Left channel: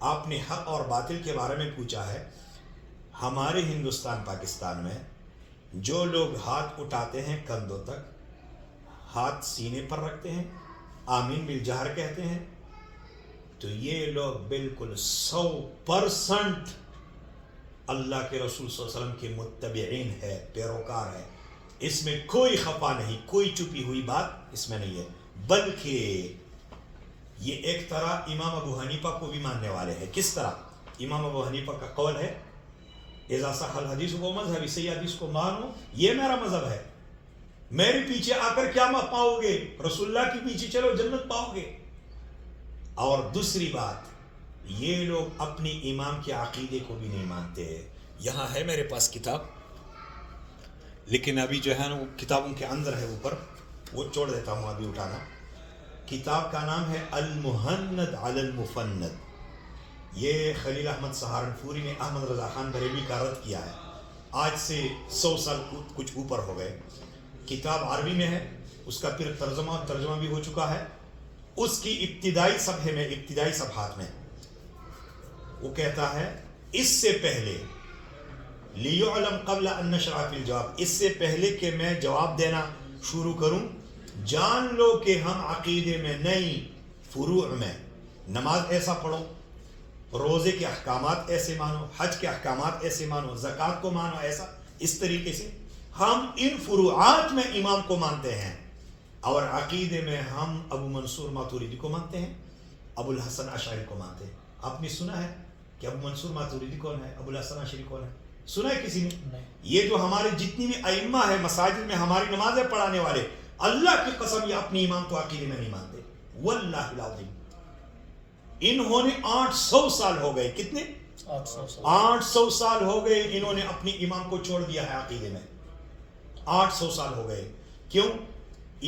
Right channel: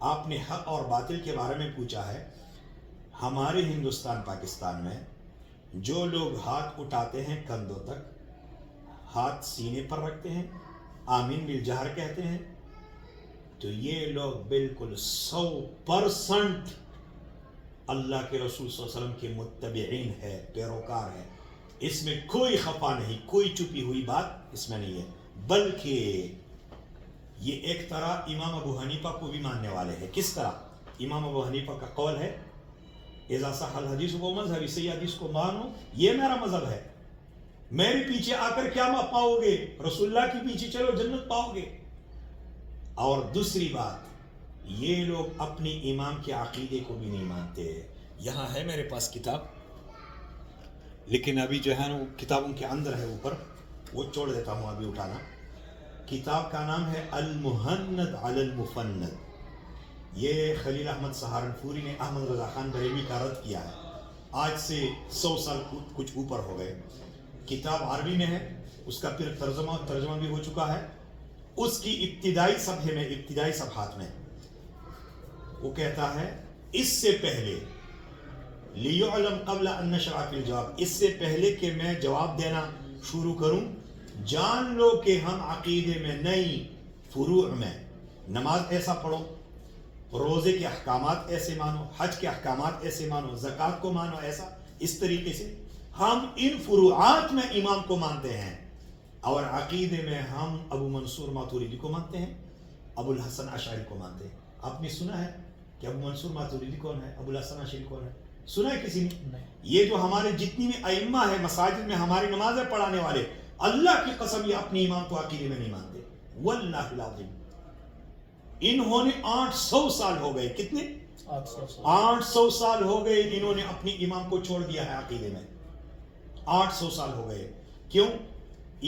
آپ نے حق اور باطل کے بارے میں پوچھا ہے. ہمارے ہندوستان پاکستان میں جو لوگ ہاتھ اٹھاتے ہیں کندھوں تک, ہاتھ سینے پر رکھتے ہیں, آمین بالجہر کہتے ہیں, تو یہ لوگ بالکل 100% اللہ کے رسول صلی اللہ علیہ وسلم کے متبعین ہے, پیروکار ہے. اس میں کوئی خفا نہیں, کوئی چھپی ہوئی بات اس میں نہیں ہے. بلکہ یہ ایک طرح امام ابو حنیفہ کو بھی ماننے والے ہیں. کس طرح؟ امام ابو حنیفہ کا قول ہے اذا صح الحدیث وہ مذہب, صحیح حدیث کو مانو, یہ میرا مذہب ہے. میرے پیچھے آ کر کیا پاؤ گے؟ رسول اللہ کے پیچھے چلو جنت پاؤ گے. اور دوسری بات, یہ لوگ اپنی امام کے عقیدے کو بھی نہیں مانتے. یہاں ہے میرے پاس کتاب, لیکن ابھی جو ہے نا وہ کتابوں کے اندر ہے اوپر, وہ چھوڑ دیتا ہوں ابھی اٹھانا. کتاب کا نام ہے المہند علی المفند. یہ خلیل احمد سہارنپوری نے احمد رضا خان بریلوی کا رد کیا ہے. آج سے 100 سال کچھ اوپر ہو گئے. کتاب عربی میں ہے, اس کا پھر ترجمہ بھی ہو چکا ہے. اس کی ابتدائی صفحے میں, ابتدائی صفحات میں وہ کہتا ہے اس سے پہلے لیعلم قبل ان نشرع فی الجواب, اس سے پہلے کہ میں جواب دینا شروع کروں, جان لو کہ ہم عقیدے میں نہیں, فروع میں. نماز ایسا پڑھو, روزے کے احکامات ایسے مانو, حج کے احکامات ایسے مانو, زکوٰۃ کو مانو ایسا, اس طریقے سے ہم ان فروعات میں امام کو مانتے ہیں. اور عقیدے میں ہم ابو منصور ماتوریدی کو مانتے ہیں, ابو الحسن اشعری کو مانتے ہیں. آپ نے سنا ہے کہ ابو منصور ماتوریدی کون ہے, ابو الحسن اشعری کون ہے؟ سنا ہے کسی نے؟ یہ جو ہمارے جتنی بھی ائمہ ہے مساجد میں ہماری نمازیں پڑھانے والے, اللہ کی قسم یہ اپنی امام کو عقیدے میں نہیں مانتے. واللہ العظیم انہوں نے 800 سال ہو گئے. کتنے؟ 800 سال ہو گئے انہوں نے اپنی امام کو چھوڑ دیا ہے عقیدے میں. 800 سال ہو گئے. کیوں؟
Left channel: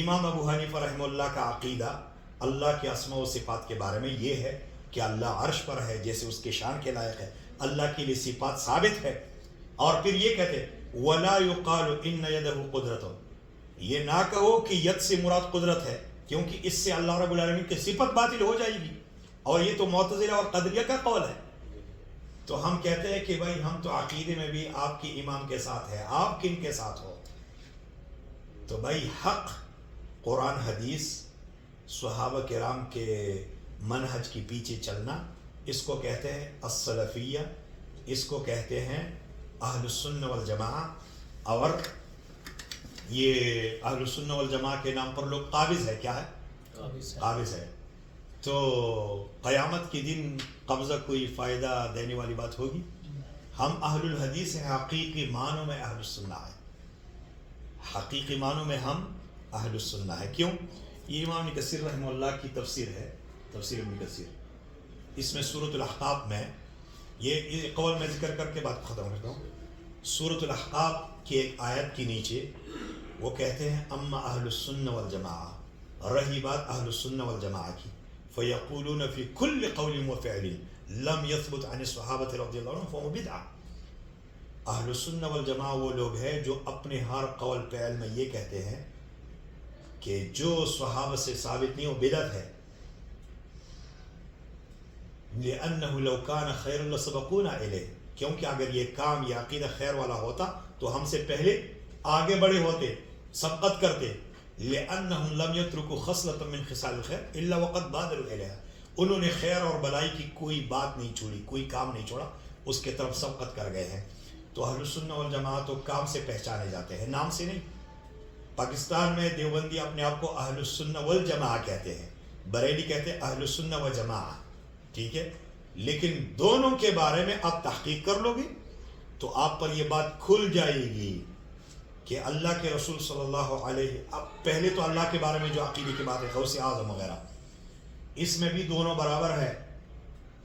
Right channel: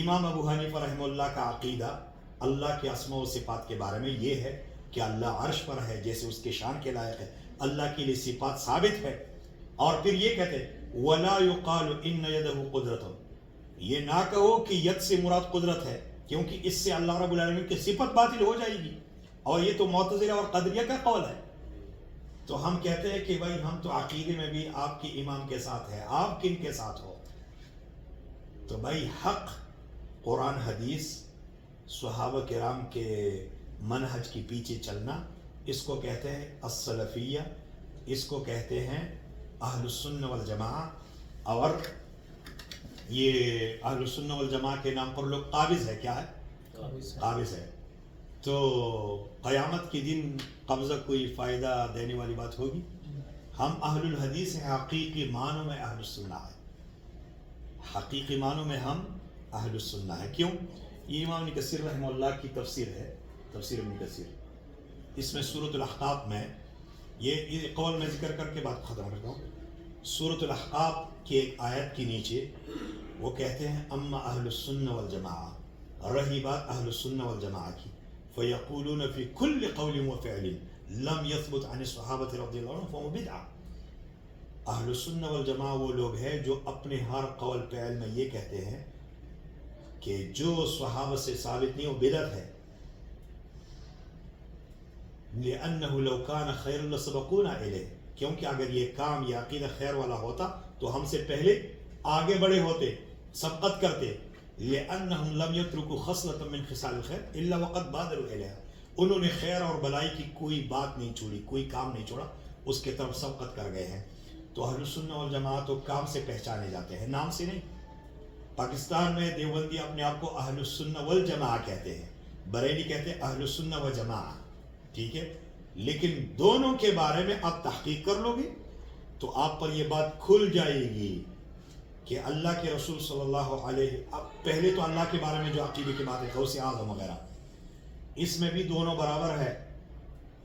امام ابو حنیفہ رحمہ اللہ کا عقیدہ اللہ کے اسماء و صفات کے بارے میں یہ ہے کہ اللہ عرش پر ہے جیسے اس کے شان کے لائق ہے, اللہ کے لیے صفات ثابت ہے. اور پھر یہ کہتے وَلَا يُقَالُ إِنَّ يَدَهُ قُدْرَتُ, یہ نہ کہو کہ ید سے مراد قدرت ہے, کیونکہ اس سے اللہ رب العالمین کی صفت باطل ہو جائے گی, اور یہ تو معتزلہ اور قدریہ کا قول ہے. تو ہم کہتے ہیں کہ بھائی ہم تو عقیدے میں بھی آپ کی امام کے ساتھ ہے, آپ کن کے ساتھ ہو؟ تو بھائی حق قرآن حدیث صحابہ کرام کے منہج کی پیچھے چلنا, اس کو کہتے ہیں السلفیہ, اس کو کہتے ہیں اہل السنہ والجماعہ. اور یہ اہل السنہ والجماعہ کے نام پر لوگ قابض ہے. کیا ہے؟ قابض ہے. تو قیامت کے دن قبضہ کوئی فائدہ دینے والی بات ہوگی؟ ہم اہل الحدیث ہیں, حقیقی معنوں میں اہل السنہ ہے, حقیقی معنوں میں ہم اہل السنہ ہے. کیوں؟ یہ امام ابن کثیر رحمہ اللہ کی تفسیر ہے, تفسیر ابن کثیر. اس میں سورۃ الاحقاف میں یہ قول میں ذکر کر کے بات ختم کرتا ہوں. سورۃ الاحقاف کی ایک آیت کے نیچے وہ کہتے ہیں اما اہل السنہ والجماعہ, رہی بات اہل السنہ والجماعہ کی, فیقولون فی کل قول و فعل لم یثبت عن الصحابہ رضی اللہ عنہم فہو بدعہ. اہل السنہ والجماعہ وہ لوگ ہیں جو اپنے ہر قول فعل میں یہ کہتے ہیں کہ جو صحابہ سے ثابت نہیں وہ بدعت ہے. لأنه لو كان خیر لسبقونا الیہ, کیونکہ اگر یہ کام یہ عقیدہ خیر والا ہوتا تو ہم سے پہلے آگے بڑے ہوتے, سبقت کرتے. لأنهم لم يتركوا خصلة من خصال الخير الا وقد بادروا الیہا, انہوں نے خیر اور بلائی کی کوئی بات نہیں چھوڑی, کوئی کام نہیں چھوڑا, اس کے طرف سبقت کر گئے ہیں. تو اہل السنہ والجماعت تو کام سے پہچانے جاتے ہیں, نام سے نہیں. پاکستان میں دیوبندی اپنے آپ کو اہل السنہ والجماعہ کہتے ہیں, بریلی کہتے ہیں اہل السنہ والجماعہ, ٹھیک ہے. لیکن دونوں کے بارے میں آپ تحقیق کر لو گے تو آپ پر یہ بات کھل جائے گی کہ اللہ کے رسول صلی اللہ علیہ, پہلے تو اللہ کے بارے میں جو عقیدے کی بات ہے غوث اعظم وغیرہ, اس میں بھی دونوں برابر ہے.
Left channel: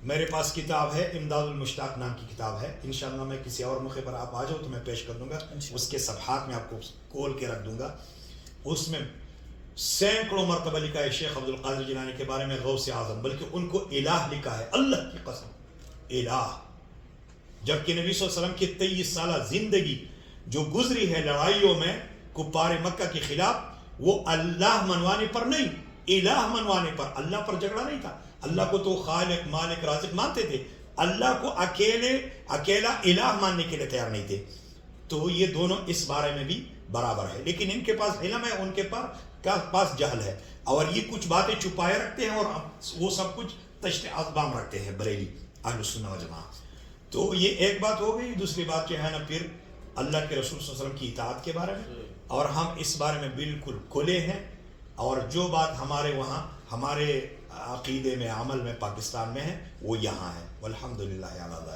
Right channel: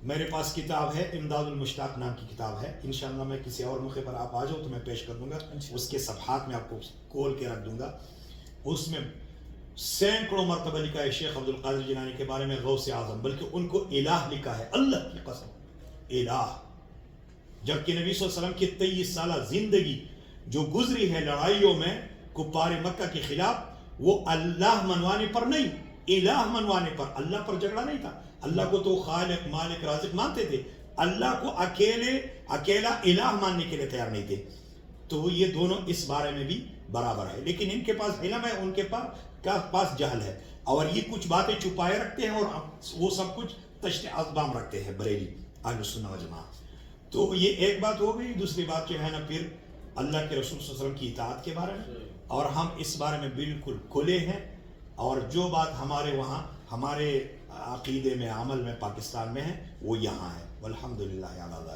میرے پاس کتاب ہے امداد المشتاق نام کی کتاب ہے, انشاءاللہ میں کسی اور موقع پر آپ آ جاؤ تو میں پیش کر دوں گا, اس کے صفحات میں آپ کو کھول کے رکھ دوں گا. اس میں سینکڑوں مرتبہ لکھا ہے شیخ عبد القادر جیلانی کے بارے میں غوث اعظم, بلکہ ان کو الہ لکھا ہے, اللہ کی قسم الہ. جبکہ نبی صلی اللہ علیہ وسلم کی 23 سالہ زندگی جو گزری ہے لڑائیوں میں کفار مکہ کے خلاف, وہ اللہ منوانے پر نہیں, الہ منوانے پر. اللہ پر جھگڑا نہیں تھا, اللہ کو تو خالق مالک رازق مانتے تھے، اللہ کو اکیلا الہ ماننے کے لیے تیار نہیں تھے. تو یہ دونوں اس بارے میں بھی برابر ہے، لیکن ان کے پاس علم ہے، ان کے پاس جہل ہے، اور یہ کچھ باتیں چھپائے رکھتے ہیں اور وہ سب کچھ تشت اقدام رکھتے ہیں بریلی اہل سنت و جماعت. تو یہ ایک بات ہو گئی. دوسری بات جو ہے نا پھر اللہ کے رسول صلی اللہ علیہ وسلم کی اطاعت کے بارے میں، اور ہم اس بارے میں بالکل کھلے ہیں، اور جو بات ہمارے وہاں ہمارے عقیدے میں عمل میں پاکستان میں ہے وہ یہاں ہے. والحمدللہ علی ذالک.